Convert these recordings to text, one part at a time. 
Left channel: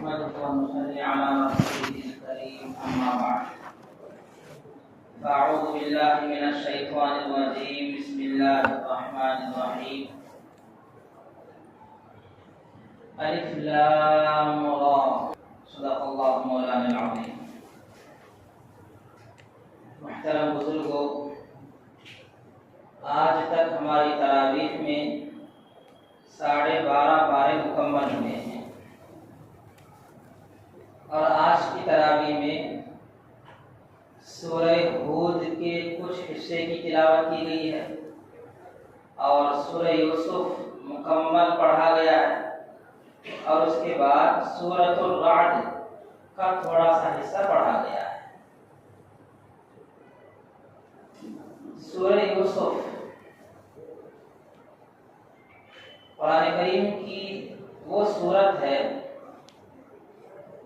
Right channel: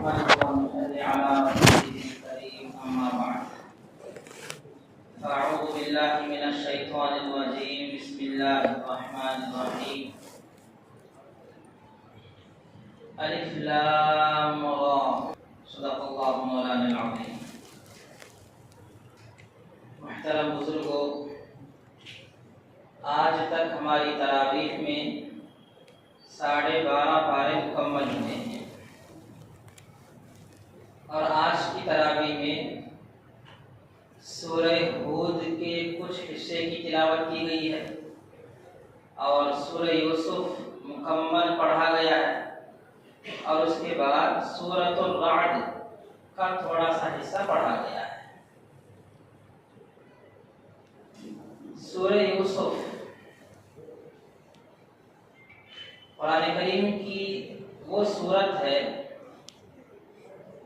نحمده ونصلي على رسوله الكريم أما بعد فأعوذ بالله من الشيطان الرجيم بسم الله الرحمن الرحيم ألف لام را صدق الله مولانا العظيم. محترم بزرگوں، آج تک ہماری تراویح میں 12.5 پارے مکمل ہوئے ہیں اور آج کی تراویح میں سورہ ہود کے کچھ حصے کی تلاوت کی گئی ہے اور سورہ یوسف مکمل پڑھا گیا ہے اور اس کے بعد سورۃ الرعد کا تھوڑا سا حصہ پڑھا گیا ہے. سورہ یوسف قرآن کریم کی وہ سورت ہے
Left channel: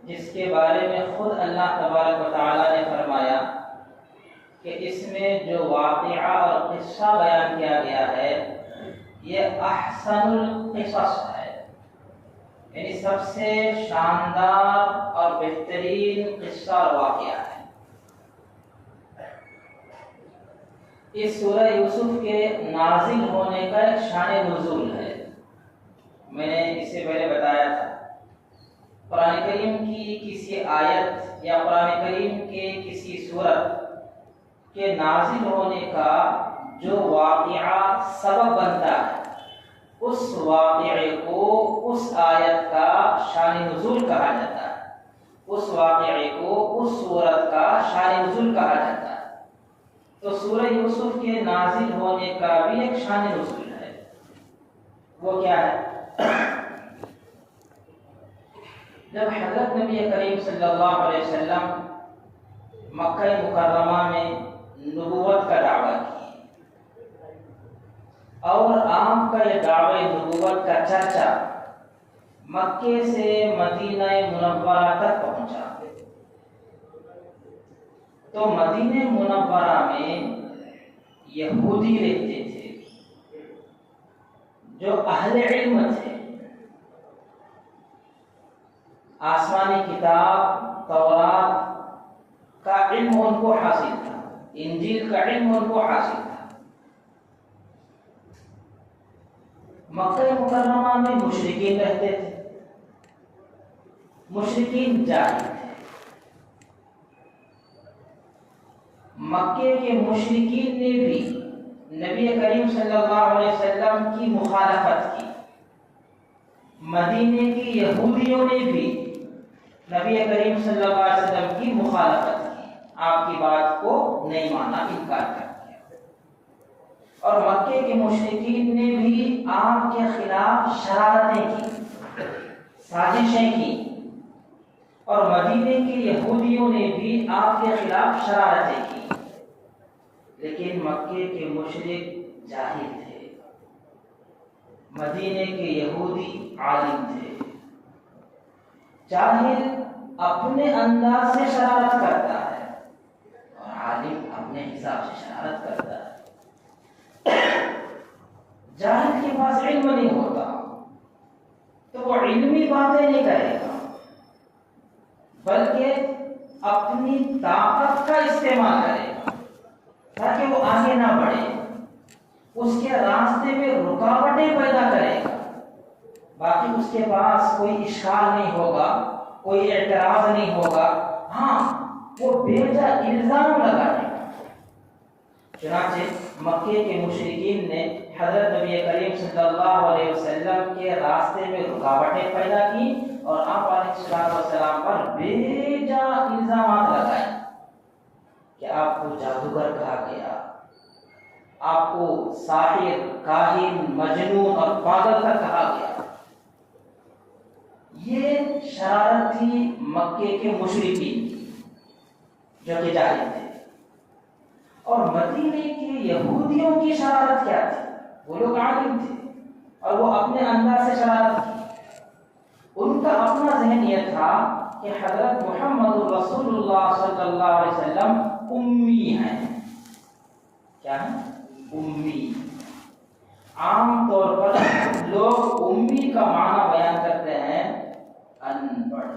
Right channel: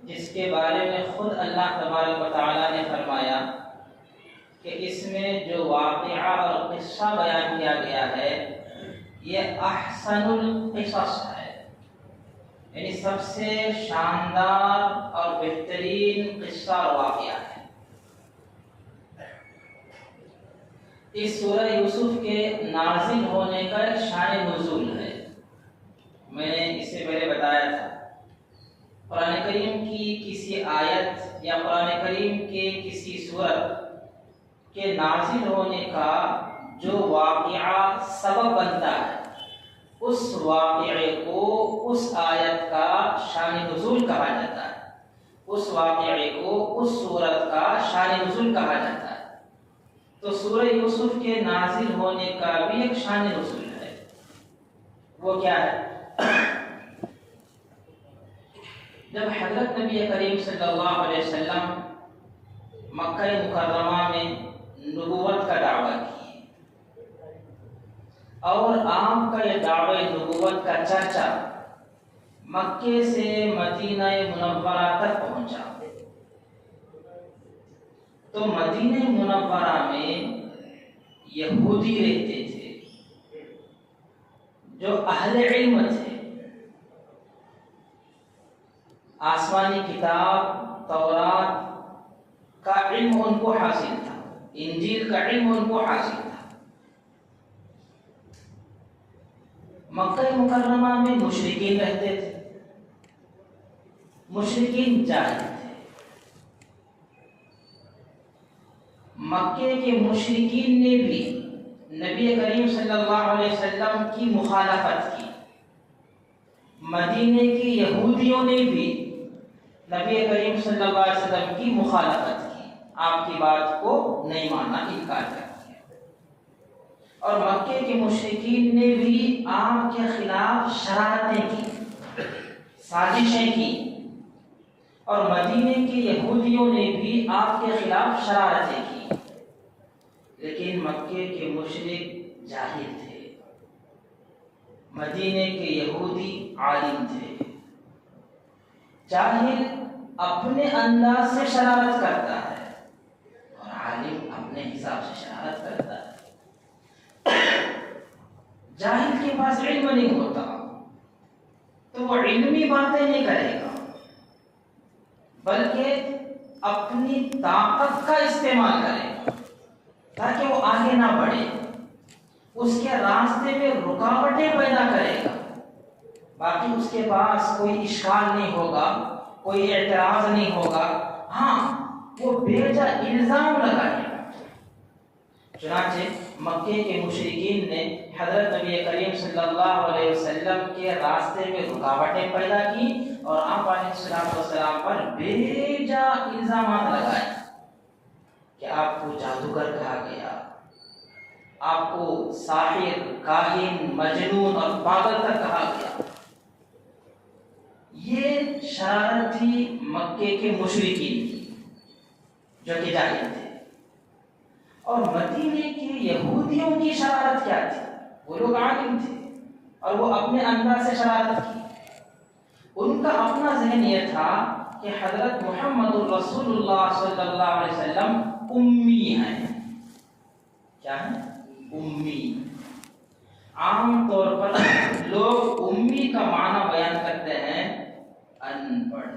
جس کے بارے میں خود اللہ تبارک و تعالی نے فرمایا کہ اس میں جو واقعہ اور قصہ بیان کیا گیا ہے یہ احسن القصص ہے، یعنی سب سے شاندار اور بہترین قصہ اور واقعہ ہے. اس سورہ یوسف کے نازل ہونے کا ایک شان نزول ہے. میں نے اس سے پہلے بتایا تھا قرآن کریم کی کسی آیت یا قرآن کریم کے کسی سورت کے نازل ہونے کا جو واقعہ سبب بنتا ہے اس واقعے کو اس آیت کا شان نزول کہا جاتا ہے، اس واقعے کو اس سورت کا شان نزول کہا جاتا ہے. تو سورہ یوسف کے نازل ہونے کا بھی ایک شان نزول ہے. وہ کیا ہے؟ جب حضرت نبی کریم صلی اللہ علیہ وسلم مکہ مکرمہ میں نبوت کا دعویٰ کی اور آپ کا یہ دعوی نبوت کا چرچا مکے سے مدینہ منورہ تک پہنچا، تو مدینہ منورہ میں یہودی رہتے تھے جو اہل علم تھے. آسمانی کتاب تورات کا علم ان کو حاصل تھا، انجیل کا علم ان کو حاصل تھا. مکہ مکرمہ میں مشرکین رہتے تھے، مشرکین جاہل تھے. مکے کے مشرکین نے بھی نبی کریم صلی اللہ علیہ وسلم کی مخالفت کی، مدینے کی یہودیوں نے بھی نبی کریم صلی اللہ علیہ وسلم کی مخالفت کی، آپ کی بات کو نہیں مانا، انکار کر دیا. اور مکے کے مشرکین نے بھی آپ کے خلاف شرارتیں کی، سازشیں کی، اور مدینے کے یہودیوں نے بھی آپ کے خلاف شرارتیں کی. لیکن مکے کے مشرک جاہل تھے، مدینے کے یہودی عالم تھے. جاہل اپنے انداز سے شرارت کرتا ہے اور عالم اپنے حساب سے شرارت کرتا ہے. جاہل کے پاس علم نہیں ہوتا تو وہ علمی باتیں نہیں کرے گا، بلکہ اپنی طاقت کا استعمال کرے گا تاکہ وہ آگے نہ بڑھے، اس کے راستے میں رکاوٹیں پیدا کرے گا. باقی اس کے پاس کوئی اشکال نہیں ہوگا، کوئی اعتراض نہیں ہوگا، ہاں وہ بے جا الزام لگائے گا. چنانچہ مکے کے مشرکین نے حضرت نبی کریم صلی اللہ علیہ وسلم کے راستے میں رکاوٹیں پیدا کی اور آپ علیہ السلام پر بے جا الزامات لگائے کہ آپ کو جادوگر کہا گیا، آپ کو ساحر، کاہن، مجنون اور پاگل تک کہا گیا. یہ شرارت تھی مکے کے مشرکین کی جو کہ جاہل تھے. اور مدینے کے یہودیوں کی شرارت کیا تھی؟ وہ لوگ عالم تھے اور وہ اپنے انداز سے شرارت کی. ان کا اپنا ذہن یہ تھا کہ حضرت محمد رسول اللہ صلی اللہ علیہ وسلم امی ہیں. کیا ہیں؟ امی. عام طور پر لوگ امی کا معنی بیان کرتے ہیں ان پڑھ.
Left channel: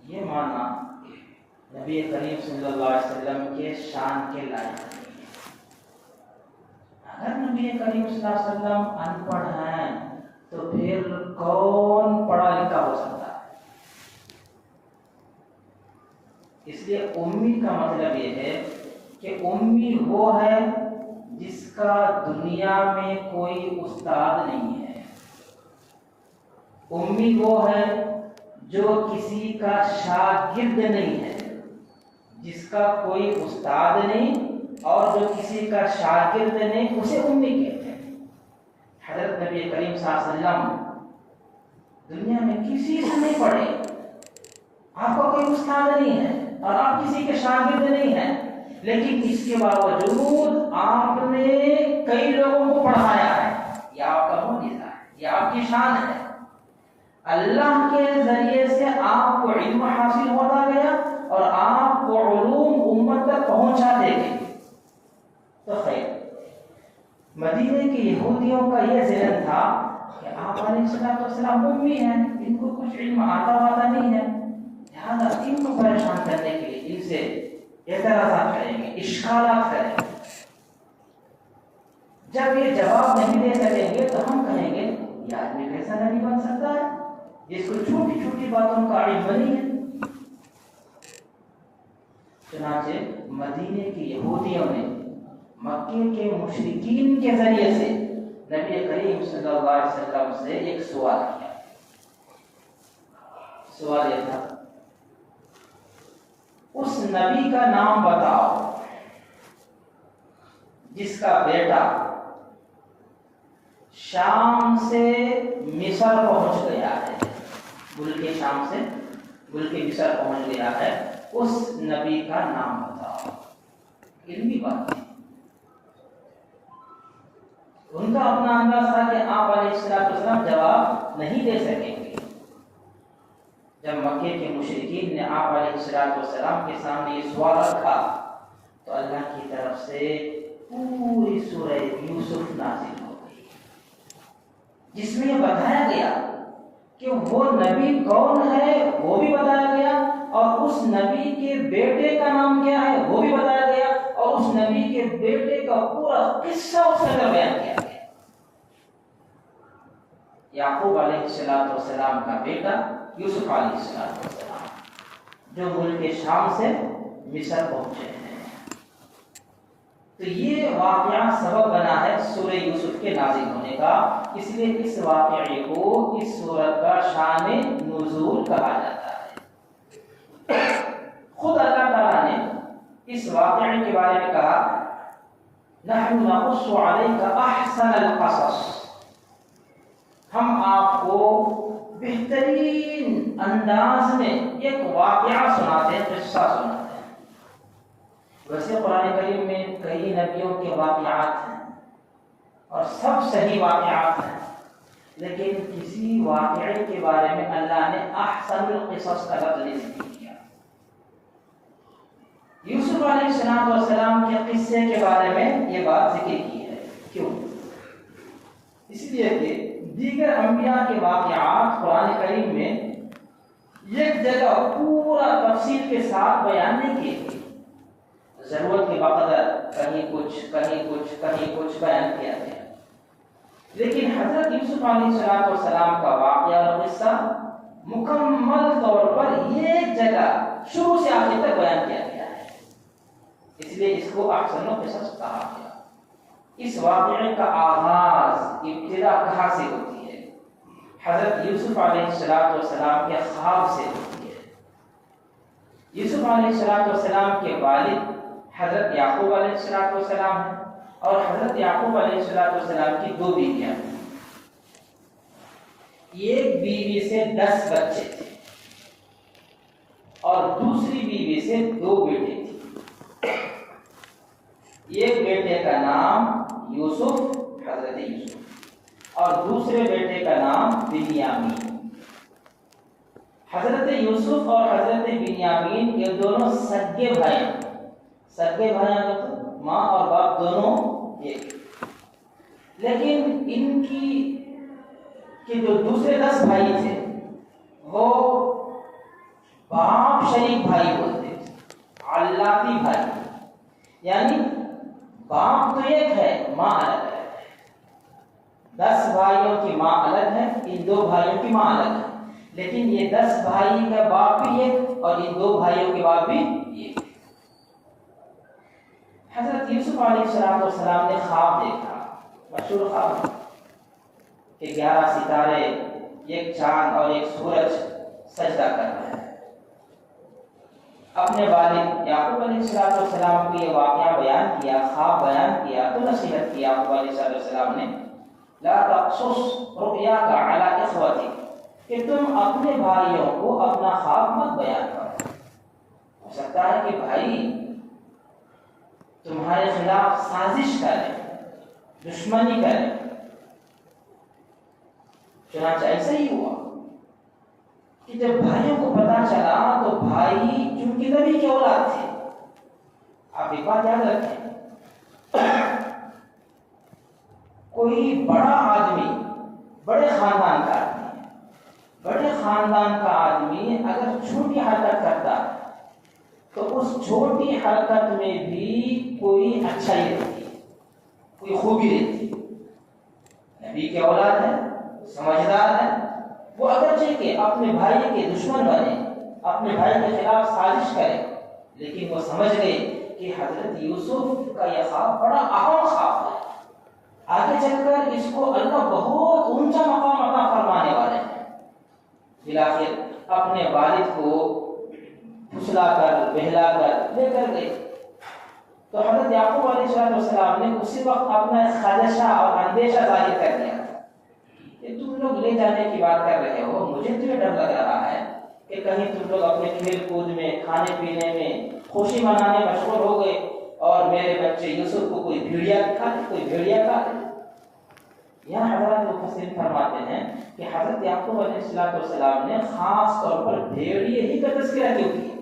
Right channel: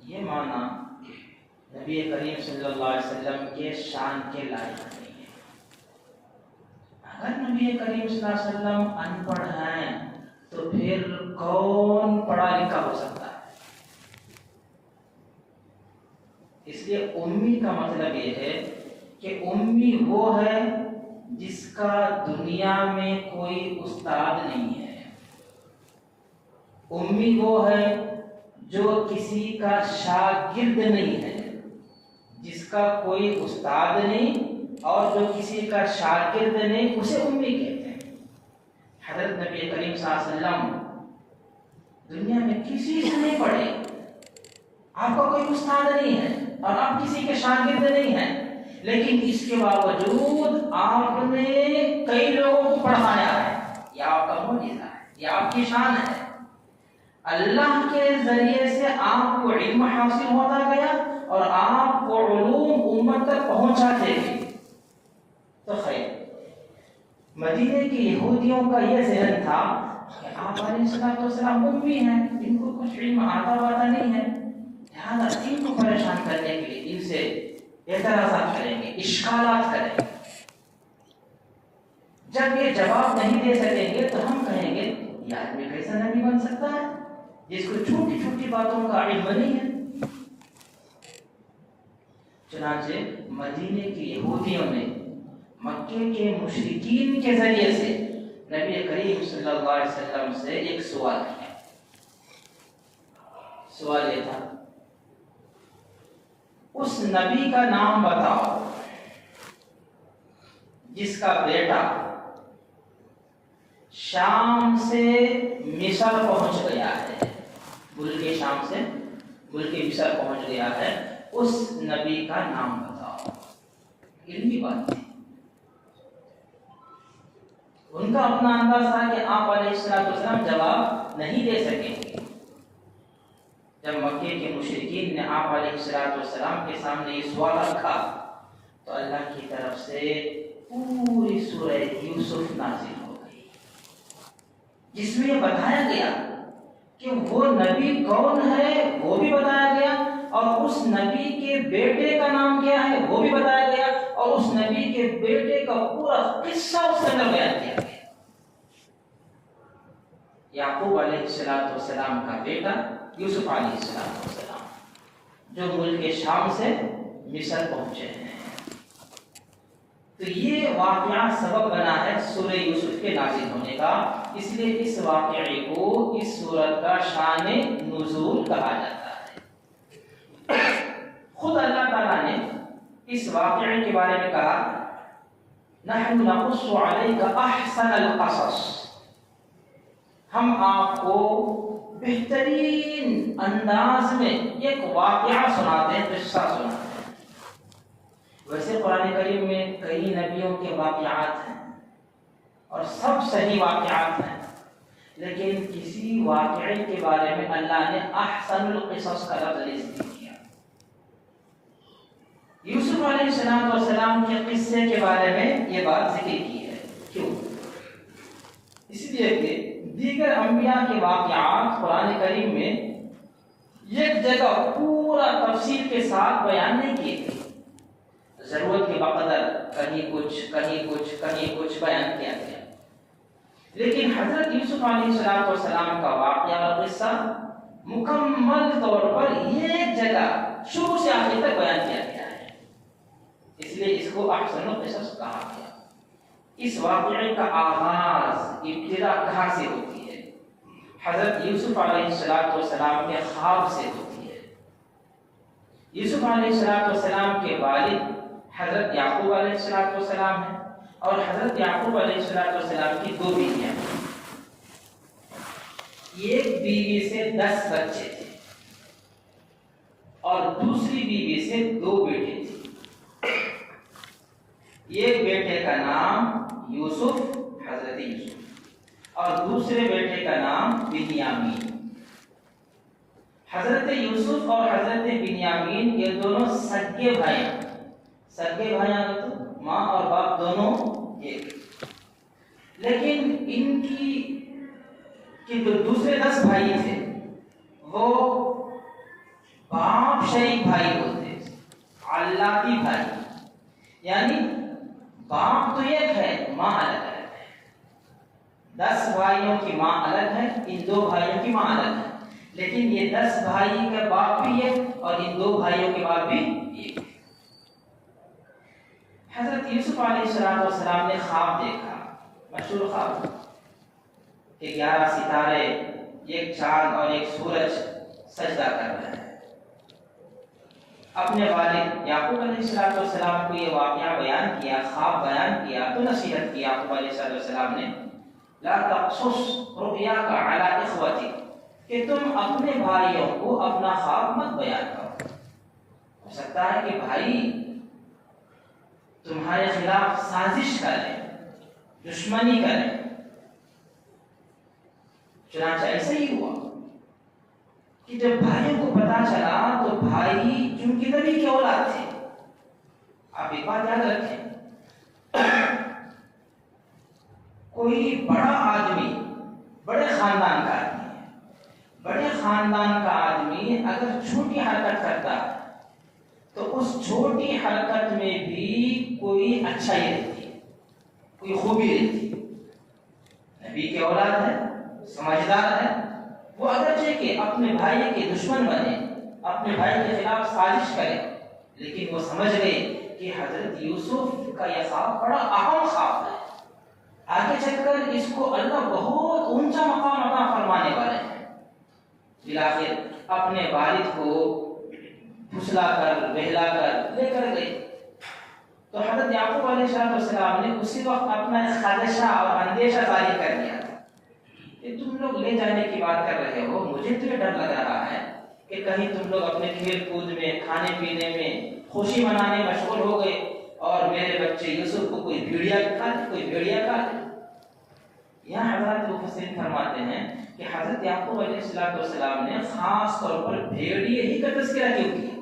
یہ معنی نبی کریم صلی اللہ علیہ وسلم کے شان کے لائق نہیں ہے. اگر نبی کریم صلی اللہ علیہ وسلم ان پڑھ ہیں تو پھر کون پڑھا لکھا ہو سکتا ہے؟ اس لیے امی کا مطلب یہ ہے کہ امی وہ ہے جس کا دنیا میں کوئی استاد نہیں ہے. امی وہ ہے جو کسی کا شاگرد نہیں ہے، جس کا کوئی استاد نہیں اور جو کسی کا شاگرد نہیں، اسے امی کہتے ہیں. حضرت نبی کریم صلی اللہ علیہ وسلم دنیا میں کسی سے نہیں پڑھے، آپ کا کوئی استاد نہیں ہے اور آپ کسی کے شاگرد نہیں ہیں، لیکن اس کے باوجود آپ نے کئی لوگوں کو پڑھایا ہے. یہ آپ کا معجزہ ہے، یہ آپ کی شان ہے. اللہ کے ذریعے سے آپ کو علم حاصل ہوتا گیا اور آپ کو علوم امت تک پہنچاتے گئے. تو خیر، مدینے کے یہودیوں کا یہ ذہن تھا کہ آپ علیہ السلام امی ہیں، ان کو کچھ علم آتا واتا نہیں ہے، لہٰذا ان کو پریشان کرنے کے لیے ان سے اعتراضات کریں گے، اشکالات کریں گے. جب یہ جواب نہیں دے سکیں گے تو ہم کہیں گے یہ آدمی کیسا نبی بن سکتا ہے جس کو چھوٹی چھوٹی باتوں کا علم نہیں ہے. چنانچہ مدینے کے یہودیوں نے مکے کے مشرکین کے ذریعے سے نبی کریم صلی اللہ علیہ وسلم سے ایک سوال کیا. سوال یہ تھا، اس نبی کا نام بتاؤ جس کا بیٹا شام سے مصر پہنچ گیا ہے، ملک شام سے ملک مصر پہنچ گیا ہے، اس نبی کا نام بتاؤ. علمی بات ہے. ان کا اپنا انداز تھا کہ آپ علیہ السلام جواب نہیں دے سکیں گے. جب مکے کے مشرکین نے آپ علیہ السلام کے سامنے یہ سوال رکھا تو اللہ کی طرف سے پوری سورہ یوسف نازل ہو گئی، جس میں یہ بتایا گیا کہ وہ نبی کون ہے وہ بھی بتایا گیا، اور اس نبی کے بیٹے کا نام کیا ہے وہ بھی بتایا گیا، اور اس نبی کے بیٹے کا پورا قصہ اس کے اندر بیان کیا گیا. یعقوب علیہ السلام کا بیٹا یوسف علیہ السلام جو ملک شام سے مصر پہنچے ہیں. تو یہ واقعہ سبب بنا ہے سورہ یوسف کے نازل ہونے کا، اس لیے اس واقعے کو اس سورت کا شان نزول کہا جاتا ہے. خود اللہ تعالیٰ نے اس واقعے کے بارے میں کہا، نحن نقص علیک احسن القصص، ہم آپ کو بہترین انداز میں ایک واقعہ سناتے ہیں، قصہ سناتے ہیں. ویسے قرآن کریم میں کئی نبیوں کے واقعات ہیں اور سب صحیح واقعات ہیں، لیکن کسی واقعے کے بارے میں اللہ نے احسن القصص کا لفظ استعمال کیا. یوسف علیہ السلام کے قصے کے بارے میں یہ بات ذکر کی ہے. کیوں؟ اس لیے کہ دیگر انبیاء کے واقعات قرآن کریم میں ایک جگہ پورا تفصیل کے ساتھ بیان نہیں کیے گئے، ضرورت کے بقدر کہیں کچھ بیان کیا گیا. لیکن حضرت یوسف علیہ السلام کا واقعہ اور قصہ مکمل طور پر ایک جگہ شروع سے آخر تک بیان کیا گیا ہے، اس لیے اس کو احسن القصص کہا گیا. اس واقعے کا آغاز ابتدا کہاں سے ہوتی ہے؟ حضرت یوسف علیہ السلام کے خواب سے ہوتی ہے. یوسف علیہ السلام کے والد حضرت یعقوب علیہ السلام ہیں، اور حضرت یعقوب علیہ السلام کی دو بیویاں ہیں. ایک بیوی سے 10 بچے تھے اور دوسری بیوی سے 2 بیٹے تھے. ایک بیٹے کا نام یوسف، حضرت یوسف، اور دوسرے بیٹے کا نام بنیامین. حضرت یوسف اور حضرت بنیامین یہ دونوں سگے بھائی ہیں. سگے بھائی ہیں تو ماں اور باپ دونوں ایک، لیکن ان کی کہ جو دوسرے 10 بھائی تھے وہ باپ شریک بھائی ہوتے، علاقی بھائی، یعنی باپ تو ایک ہے، ماں الگ ہے۔ 10 بھائیوں کی ماں الگ ہے، ان 2 بھائیوں کی ماں الگ ہے، لیکن یہ 10 بھائی کا باپ بھی ایک اور ان 2 بھائیوں کے باپ بھی ایک۔ حضرت یوسف علیہ السلام نے خواب دیکھا، مشہور خواب کہ 11 ستارے، ایک چاند اور ایک سورج سجدہ کر رہے ہیں۔ اپنے والد یعقوب علیہ السلام کو یہ واقعہ بیان کیا، خواب بیان کیا تو نصیحت کی یعقوب علیہ السلام نے، لا تقصص رؤیاک علی اخوتک، کہ تم اپنے بھائیوں کو اپنا خواب مت بیان کرو۔ ہو سکتا ہے کہ بھائی تمہارے خلاف سازش کریں، دشمنی کریں۔ چنانچہ ایسا ہی ہوا کہ جب بھائیوں کو پتا چلا تو بھائی چونکہ نبی کے اولاد تھے، آپ ایک بات یاد رکھیں، کوئی بڑا آدمی بڑے خاندان کا آدمی ہے، بڑے خاندان کا آدمی اگر چھوٹی حرکت کرتا ہے تو اس چھوٹی حرکت میں بھی کوئی اچھائی رہتی ہے، کوئی خوبی رہتی ہے۔ نبی کے اولاد ہے، سمجھدار ہے، وہ اگرچہ کہ اپنے بھائی کے دشمن بنے، اپنے بھائی کے خلاف سازش کرے، لیکن وہ سمجھ گئے کہ حضرت یوسف کا یہ خواب بڑا اہم خواب ہے، آگے چل کر اس کو اللہ بہت اونچا مقام عطا فرمانے والے ہیں۔ بالآخر اپنے والد کو پھسلا کر بہلا کر لے کر گئے تو حضرت یعقوب علیہ السلام نے اسی وقت اپنا خدشہ اور اندیشہ ظاہر کر دیا کہ تم لوگ لے جانے کی بات کر رہے ہو، مجھے تو یہ ڈر لگ رہا ہے کہ کہیں تم لوگ اپنے کھیل کود میں، کھانے پینے میں، خوشی منانے مشغول ہو گئے اور میرے بچے یوسف کو کوئی بھیڑیا کھا لے، کوئی بھیڑیا کھا لے۔ یہاں حضرت مفسرین فرماتے ہیں کہ حضرت یعقوب علیہ السلام نے خاص طور پر بھیڑیے ہی کا تذکرہ کیوں کیا؟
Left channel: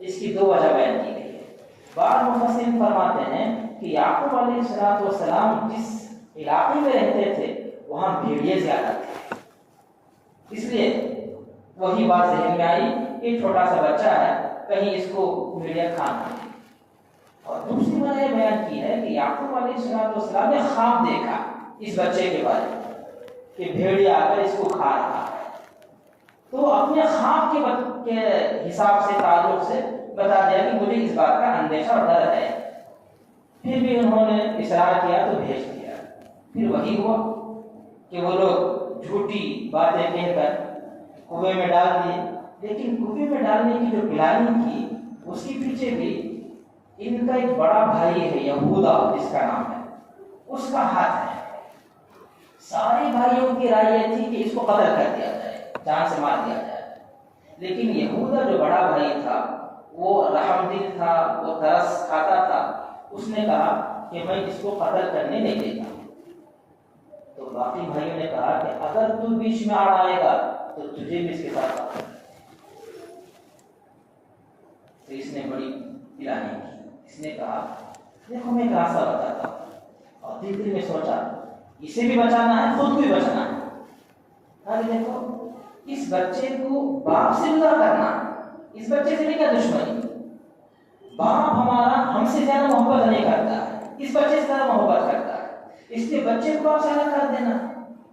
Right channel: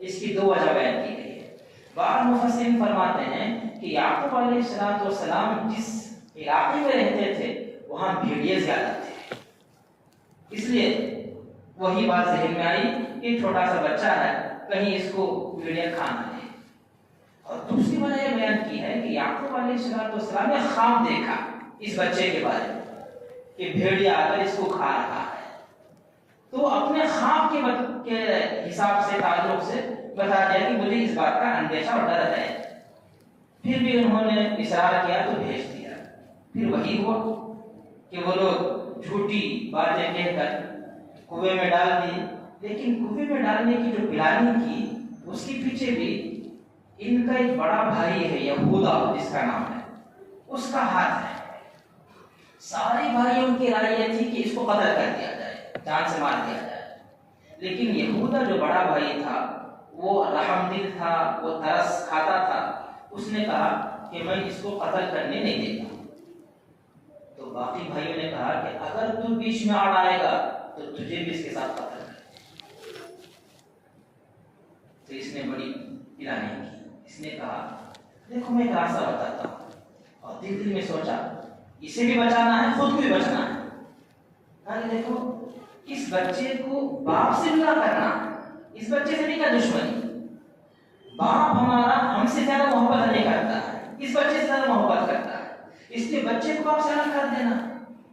اس کی 2 وجہ بیان کی گئی ہے۔ بعض مفسرین فرماتے ہیں کہ یعقوب علیہ السلام جس علاقے میں رہتے تھے وہاں بھیڑیے زیادہ تھے، اس لیے وہی بات ذہن میں آئی کہ چھوٹا سا بچہ ہے، کہیں اس کو بھیڑیا کھانا ہے۔ اور دوسری وجہ بیان کی ہے کہ یعقوب علیہ السلام نے خواب دیکھا اس بچے کے بارے میں کہ بھیڑیا آ کر اس کو کھا رہا ہے، تو اپنے خواب کے حساب سے، تعلق سے بتا دیا کہ مجھے اس بات کا اندیشہ اور ڈر ہے۔ پھر بھی انہوں نے اصرار کیا تو بھیج دیا۔ پھر وہی ہوا کہ وہ لوگ جھوٹی باتیں کہہ کر کنویں میں ڈال دیے، لیکن کنویں میں ڈالنے کی جو پلاننگ کی اس کے پیچھے بھی ان کا ایک بڑا بھائی ہے یہودا جس کا نام ہے، اس کا ہاتھ ہے۔ سارے بھائیوں کی رائے یہ تھی کہ اس کو قتل کر دیا جائے، جان سے مار دیا جائے، لیکن یہودا جو بڑا بھائی تھا وہ رحم دل تھا، وہ ترس کھاتا تھا، اس نے کہا کہ میں اس کو قتل کرنے نہیں دیتا۔ تو باقی بھائیوں نے کہا کہ اگر تو بیچ میں آڑ آئے گا تو تجھے بھی اس کے ساتھ قتل کرے۔ تو اس نے بڑی پلاننگ کی، اس نے کہا دیکھو میں ایک راستہ بتاتا ہوں، اور دل میں سوچا اسے بھی بچانا ہے، خود کو بھی بچانا ہے۔ دیکھو اس بچے کو باپ سے برا کرنا ہے، اس بچے سے نہیں کیا دشمنی، باپ ہمارا ہم سے زیادہ محبت نہیں کرتا ہے، اس بچے سے زیادہ محبت کرتا ہے، اس لیے بچے کو آپ سے الگ کر دینا،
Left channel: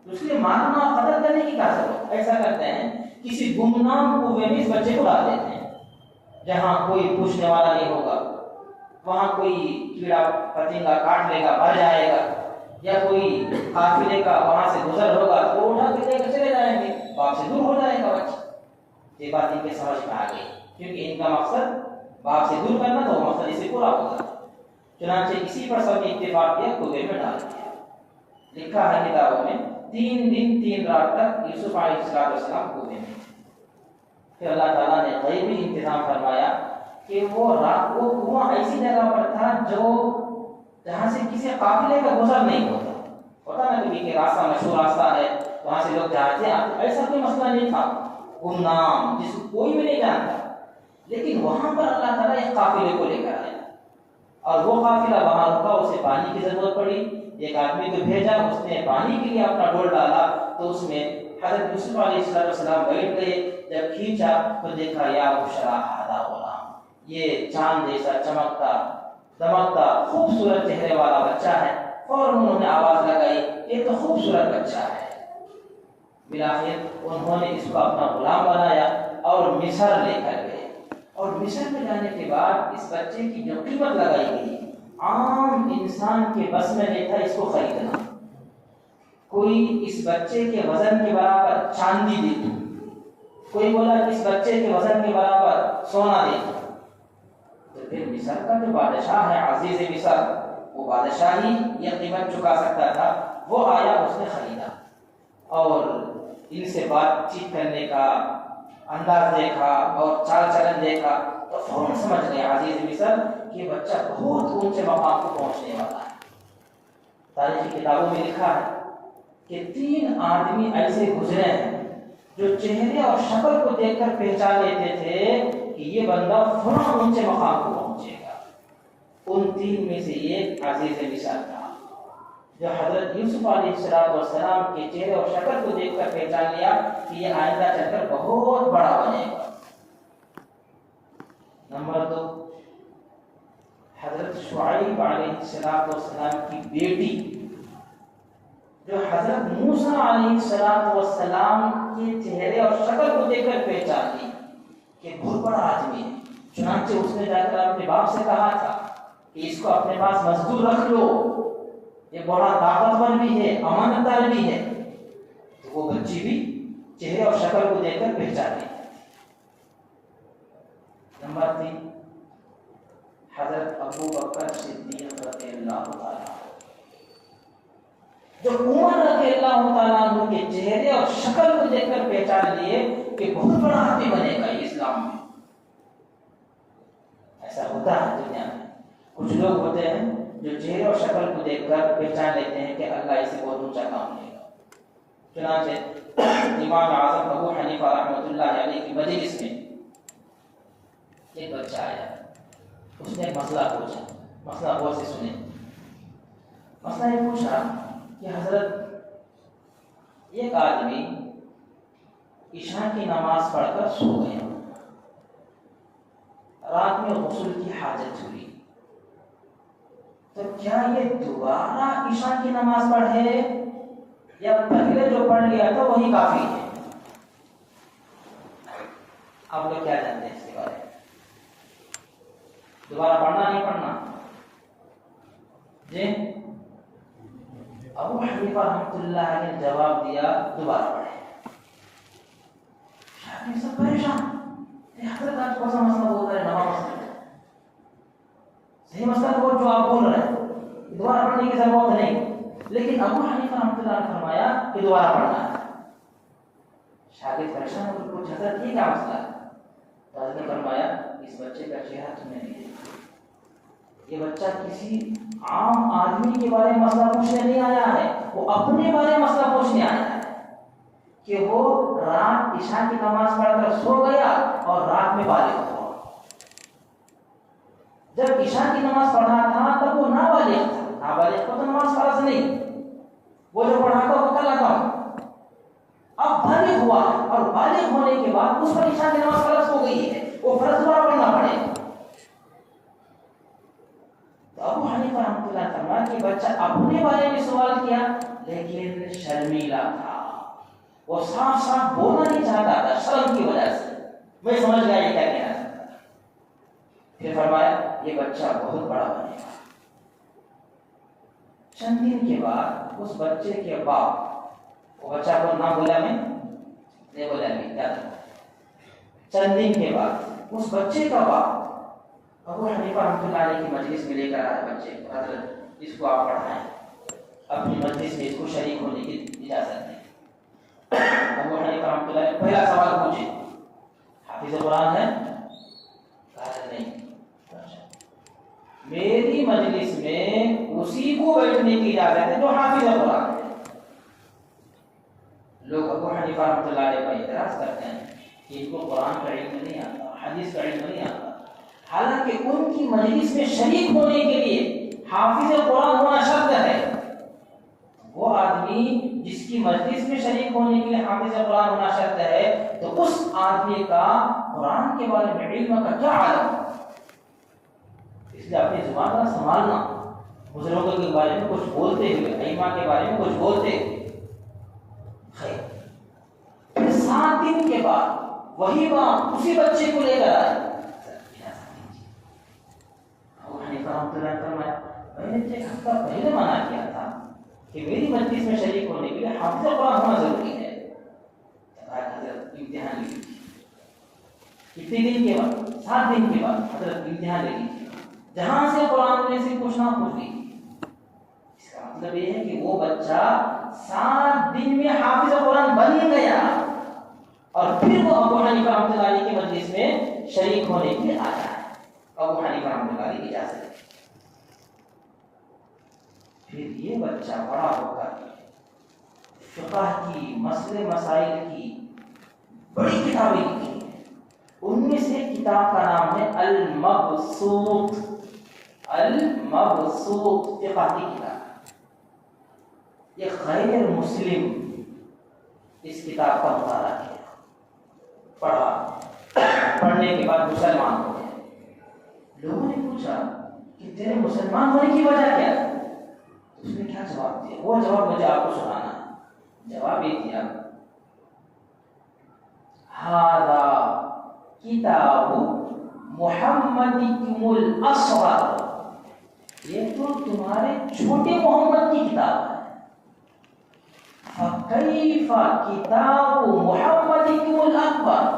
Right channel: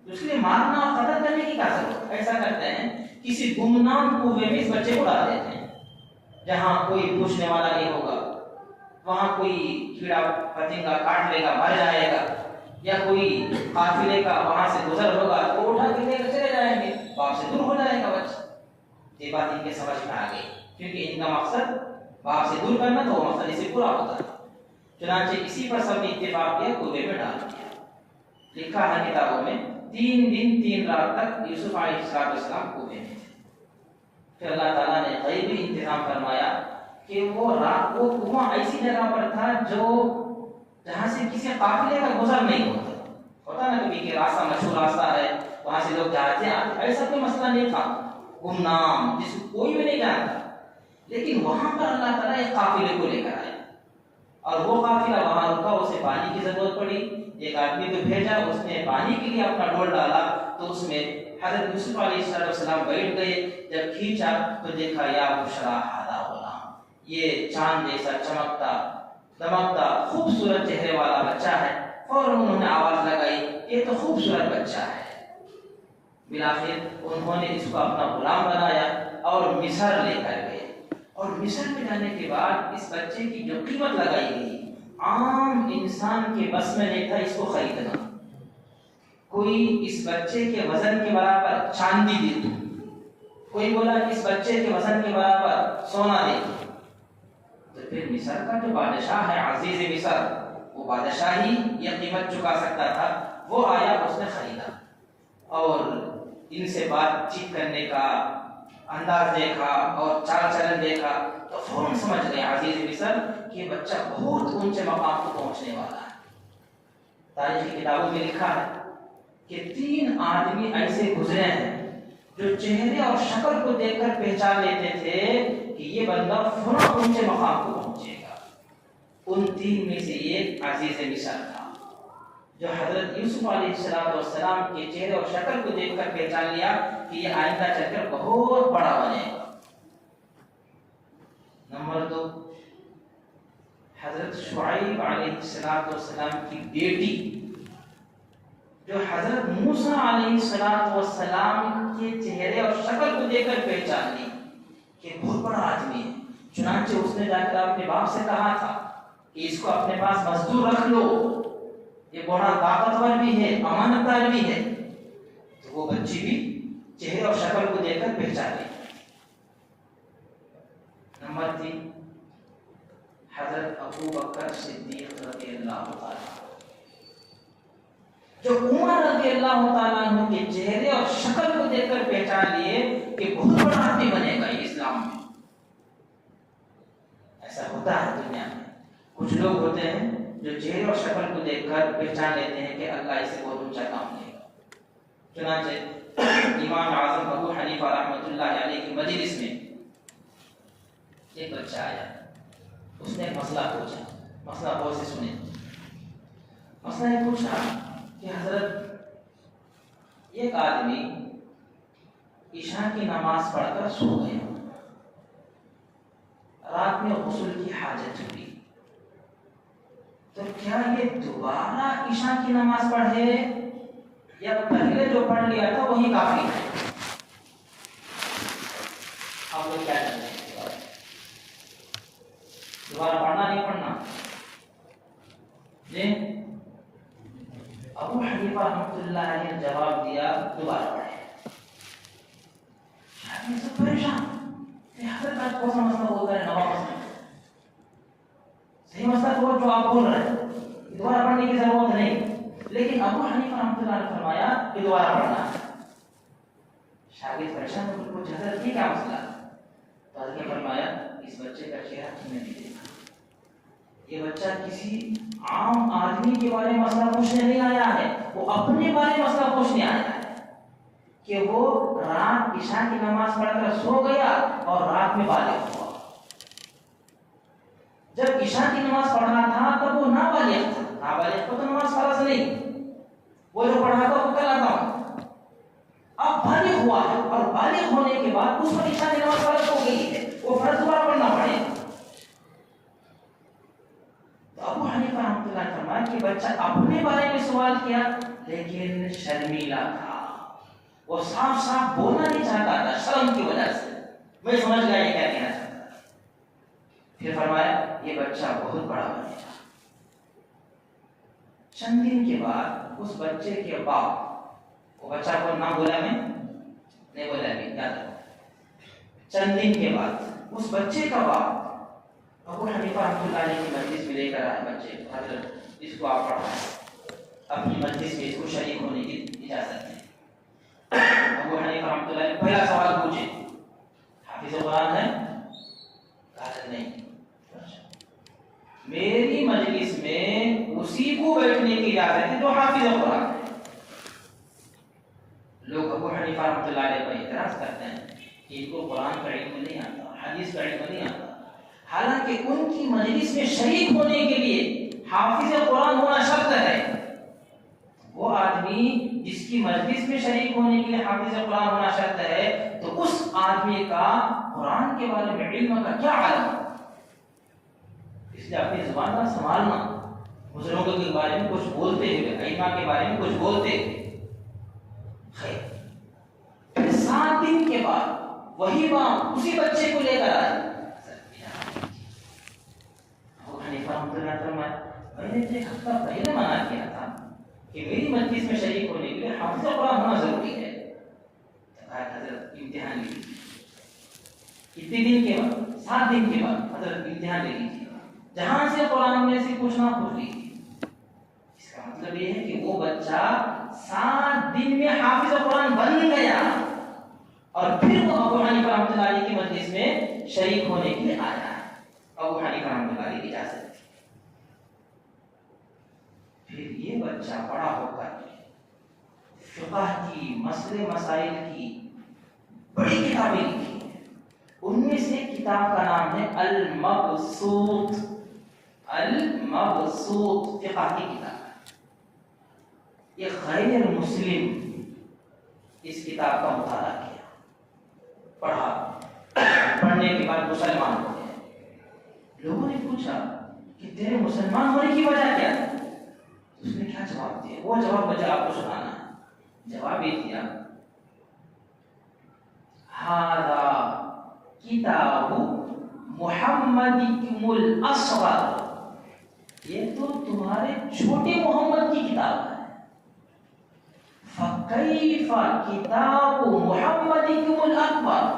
اس لیے مارنا اور قتل کرنے کی کیا ضرورت۔ ایسا کرتے ہیں کسی گمنام کنویں میں اس بچے کو ڈال دیتے ہیں جہاں کوئی پوچھنے والا نہیں ہوگا، وہاں کوئی کیڑا پتنگا کاٹ لے گا مر جائے گا، یا کوئی قافلے کا وہاں سے گزر ہوگا تو اٹھا کے لے کر چلے جائیں گے، باپ سے دور ہو جائے گا بچہ۔ یہ بات ان کے سمجھ میں آ گئی، کیونکہ ان کا مقصد باپ سے دور کرنا تو وہ مقصد اسے پورا ہوگا۔ چنانچہ اسی پر سب نے اتفاق کیا، کنویں میں ڈال دیا۔ لکھا ہے کتابوں میں 3 دن 3 رات تک یوسف علیہ السلام کنویں میں تھے۔ پھر اللہ تعالیٰ نے غیبی انتظام فرمایا کہ وہ کنواں ایسی جگہ پر تھا جہاں سے کسی قافلے کا گزر نہیں ہوتا نا، کبھی کہ راستہ مشہور راستہ ہے وہاں سے لوگ جاتے ہیں، ایسا کوئی مسئلہ نہیں تھا، گمنام جس کو کوئی بھی نہیں جانتا، لیکن وہاں پر اللہ تعالیٰ ایک قافلے کو لے کر آیا اور وہ قافلہ وہاں رکا، اسے پانی کی ضرورت پڑی، ایک آدمی کو بھیجا، اس نے پانی کے لیے اپنا ڈول ڈالا تو اس میں حضرت یوسف علیہ السلام بیٹھ گئے، جب کھینچا تو دیکھا یا بشرا ھذا غلام، یہ چاند جیسا چمکتا دمکتا خوبصورت چہرے والا بچہ ہے۔ فوراً انہوں نے آواز لگائی یہ تو خوبصورت بچہ ہے۔ بالآخر انہوں نے اس کو اپنا غلام بنایا اور مصر لے کر گئے، اور مصر میں جانے کے بعد اس بچے کی جو قیمت لگائی گئی عام انسان کے بس میں نہیں تھا اس کو خریدنا۔ کوئی اس بچے کے وزن کے برابر چاندی دے دو، کوئی بولا کہ اس بچے کے وزن کے برابر سونا دے دو، تو پھر مصر کا جو بادشاہ ہے عزیز مصر، وہ بادشاہ ہی یہ قیمت چکا سکتا تھا، وہ آیا اس نے خریدا اور ان سے بات چیت کرنے کا انداز دیکھا اور چال چلن دیکھا تو فوراً سمجھ گئے عزیز مصر کہ یہ بچہ بہت اونچے مقام کو پہنچنے والا ہے۔ تاریخی کتابوں میں لکھا ہے کہ 3 آدمی ایسے گزرے ہیں جو چہرے اور شکل کو دیکھ کر پہچان لیتے تھے کہ یہ بندہ فلاں اونچے مقام کو پہنچے گا۔ ان 3 میں سے ایک عزیز مصر تھا جو حضرت یوسف علیہ السلام کے چہرے اور شکل کو دیکھ کر پہچان لیا کہ یہ آئندہ چل کر بہت بڑا بنے گا۔ نمبر 2، حضرت شعیب علیہ السلام کی بیٹی جو حضرت موسیٰ علیہ السلام کے چہرے اور شکل کو دیکھ کر پہچان لی کہ بہت بڑا آدمی ہے، چنانچہ اس نے جا کر اپنے باپ سے کہا تھا کہ اس کو اپنے پاس مزدور رکھ لو، یہ بڑا طاقتور بھی ہے، امانت دار بھی ہے۔ تو وہ بچی بھی چہرے اور شکل کو دیکھ کر پہچان لی۔ نمبر 3، حضرت ابو بکر صدیق رضی اللہ تعالیٰ، جو عمر رضی اللہ تعالیٰ عنہ کے چہرے اور شکل کو دیکھ کر پہچان لیے کہ بہت بڑا آدمی بنے گا یہ اسلام میں۔ ایسا ہوتا ہے دنیا میں، کچھ لوگ ہوتے ہیں جو چہرے اور شکل کو دیکھ کر پہچان لیتے ہیں کہ اللہ اسے بہت اونچا کام دے گا۔ چنانچہ امام اعظم ابو حنیفہ رحمۃ اللہ علیہ کی مجلس میں ایک بچہ آیا، اس نے مسئلہ پوچھا، مسئلہ غور سے سنے۔ مسئلہ یہ پوچھا کہ حضرت ایک آدمی عشاء کی نماز پڑھ کر سو گیا، رات میں غسل کی حاجت ہوئی، تو کیا یہ دوبارہ عشاء کی نماز پڑھے یا پہلے جو پڑھ لیا تھا وہی کافی ہے؟ آپ لوگ کیا جانتے ہیں دوبارہ پڑھنا نہیں پڑھنا؟ جی ابو حنیفہ رحمۃ اللہ علیہ نے جواب دیا دوبارہ پڑھے۔ شاید سب پریشان کہ حضرت آج کون سا مسئلہ بولتا ہے، نوا مسئلہ، صحیح مسئلہ تو جو آپ بول رہے ہیں دوبارہ پڑھنے کی ضرورت نہیں، لیکن ابو حنیفہ رحمۃ اللہ نے فرمایا کہ دوبارہ پڑھنا ہے۔ شاگرد پریشان ہو کر پوچھا حضرت یہ کیا مسئلہ ہے؟ تو حضرت نے فرمایا اس بچے کا چہرہ تم نے نہیں دیکھا، یہ بچہ کسی عام آدمی کے بارے میں مسئلہ پوچھنے نہیں آیا ہے، وہ اپنے بارے میں مسئلہ پوچھنے آیا ہے کہ وہ رات عشاء کی نماز پڑھ کر سو گیا اور رات میں بالغ ہوا۔ جب عشاء کی نماز پڑھا تھا تب وہ نابالغ تھا، نابالغ کو تو نماز فرض نہیں، وہ جو پڑھا تھا وہ کل لگا، اب بالغ ہوا اور بالغ ہونے کے بعد اس پر عشاء کی نماز فرض ہو گئی ہے، وہ فرض دوبارہ پڑھنا پڑے گا۔ تو ابو حنیفہ رحمۃ اللہ نے فرمایا کہ بچہ اپنے بارے میں سوال کیا لیکن شرمیلا تھا، وہ صاف صاف بولنا نہیں چاہتا تھا شرم کی وجہ سے، میں سمجھ گیا یہ کیا کہنا چاہتا ہے۔ پھر فرمایا یہ بچہ بہت بڑا بنے گا۔ چند دن کے بعد اس بچے کے باپ، وہ بچہ کو نہ بولا میں نہیں بولا میں یاد رکھو، چند دن کے بعد اس بچے کا باپ ابو حنیفہ رحمۃ اللہ علیہ کی مجلس میں لے کر آئے بچے کو، حضرت اس کو آپ پڑھائیں، اپنی مجلس میں اس کو شریک ہونے کی اجازت دیں۔ ابو حنیفہ رحمۃ اللہ علیہ پہلا سوال پوچھے حافظ قرآن ہے؟ کہا نہیں، میری مجلس میں اسی کو بیٹھنے کی اجازت ہے جو حافظ قرآن ہے۔ لوگ ابو حنیفہ رحمۃ اللہ علیہ پر اعتراض کرتے ہیں کہ ان کو قرآن کا علم نہیں آتا، حدیث کا علم نہیں آتا، حالانکہ ان کی مجلس میں شریک ہونے کے لیے حافظ قرآن ہونا شرط ہے۔ وہ آدمی جس کی مجلس میں شریک ہونے کے لیے حافظ قرآن ہونا شرط ہے، تو اس آدمی کا قرآن کے بارے میں علم کا کیا عالم؟ اس لیے اپنی زبان کا سنبھالنا، بزرگوں کے بارے میں کچھ بولتے ہوئے، ائمہ کے بارے میں کچھ بولتے خیر۔ پھر 7 دن کے بعد وہی ماں اسی بچے کو لے کر آئی۔ ابو حنیفہ رحمۃ اللہ علیہ فرمایا میں نے 1 ہفتہ پہلے منع کیا تھا کہ میری مجلس میں شریک ہونے کے لیے حافظ قرآن ہونا ضروری ہے۔ حضرت امتحان لیجیے، کتنے دن کے بعد؟ 7 دن کے بعد حضرت امتحان لے لیجیے، جہاں سے قرآن میں سے پوچھنا پوچھ لیجیے۔ اس کا مطلب یہ ہے کہ وہ بچہ 7 دن میں حافظ قرآن بن گیا، اور پھر وہ ابو حنیفہ رحمۃ اللہ علیہ کی مجلس میں شریک ہونے کے لیے آیا ہے۔ ابو حنیفہ رحمۃ اللہ علیہ کی اجازت۔ پھر یہ بچہ بڑا ہو کر فقہ کی، مسئلے مسائل کی بڑی کتابیں لکھی ہیں۔ ان میں سے کتاب کا نام ہے المبسوط۔ المبسوط فقہ کی کتاب، یہ غیر مسلم اس کتاب کا مطالعہ کیا، پڑھا، پڑھنے کے بعد مسلمان ہو گئے۔ لوگوں نے پوچھا کہ تیرے مسلمان ہونے کی وجہ کیا ہے؟ اس نے کیا جواب دیا؟ وہ جواب مجھے آپ کو سنانا ہے۔ جواب یہ دیا ھذا کتاب محمدکم الاصغر، یہ تو تمہارے چھوٹے محمد کی کتاب ہے۔ فکیف کتاب محمدکم الاکبر،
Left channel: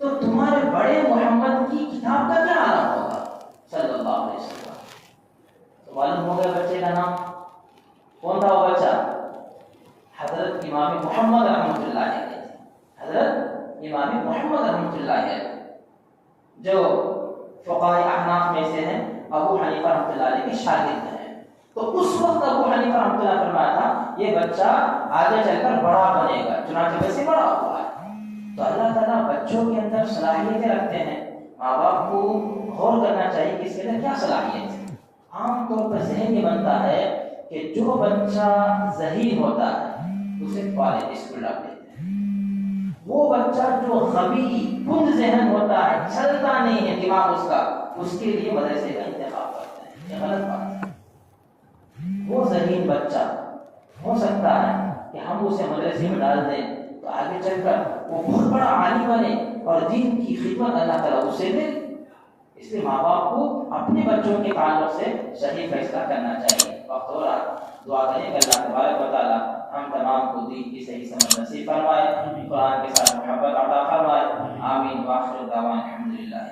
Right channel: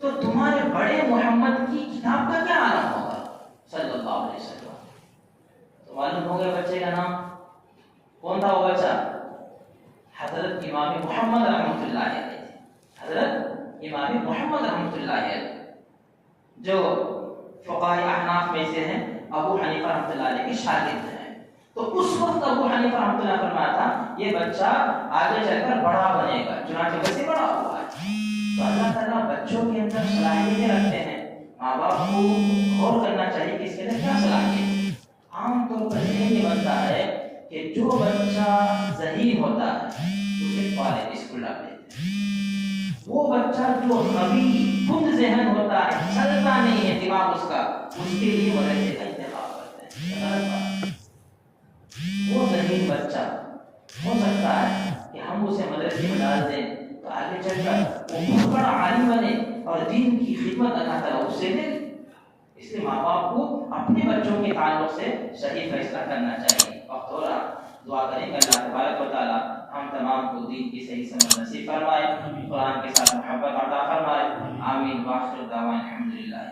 تو تمہارے بڑے محمد کی کتاب کا کیا عالم ہوگا صلی اللہ علیہ وسلم۔ تو معلوم ہو گیا بچے کا نام کون تھا؟ وہ بچہ حضرت امام محمد رحمۃ اللہ علیہ، حضرت امام محمد رحمۃ اللہ علیہ، جو فقہاء احناف میں سے ہیں، ابو حنیفہ رحمۃ اللہ علیہ کے شاگرد ہیں۔ تو اس وقت ابو حنیفہ رحمۃ اللہ فرمایا تھا یہ بچہ آگے چل کر بڑا بنے گا، چنانچہ ویسے بڑا ہوا ہے۔ تو اللہ تعالیٰ بچوں کے اندر صلاحیتیں رکھتے ہیں، ماں باپ کو غور کرنا چاہیے کہ اس کے اندر کیا صلاحیت ہے۔ عام طور پر ذہن یہ بنتا ہے کہ جو بچہ ذہین ہوتا ہے اسے کالج اسکول ڈال دیتے ہیں، وہ بچہ جو غبی کند ذہن ہوتا ہے، چلتا نہیں ہے دماغ اس کا، اس کے لیے مدرسے کا انتخاب کرتے ہیں۔ یہ غلط بات ہے۔ وہ ذہین بچہ ہو سکتا ہے کہ ہم اسے مدرسے میں ڈال دیں تو آگے چل کر وہ بہت بڑا عالم بنے اور دین کی خدمت اللہ تعالیٰ اس سے دے۔ اس لیے ماں باپ کو اپنے بچوں کے تعلق سے صحیح فیصلہ کرنا چاہیے۔ وقت ہو رہا، دعا کریں کہ اللہ تبارک و تعالیٰ ہم تمام کو دین کی صحیح سمجھ نصیب فرمائے، قرآن کے ساتھ محبت عطا فرمائے۔ آمین۔ وآخر دعوانا الحمدللہ۔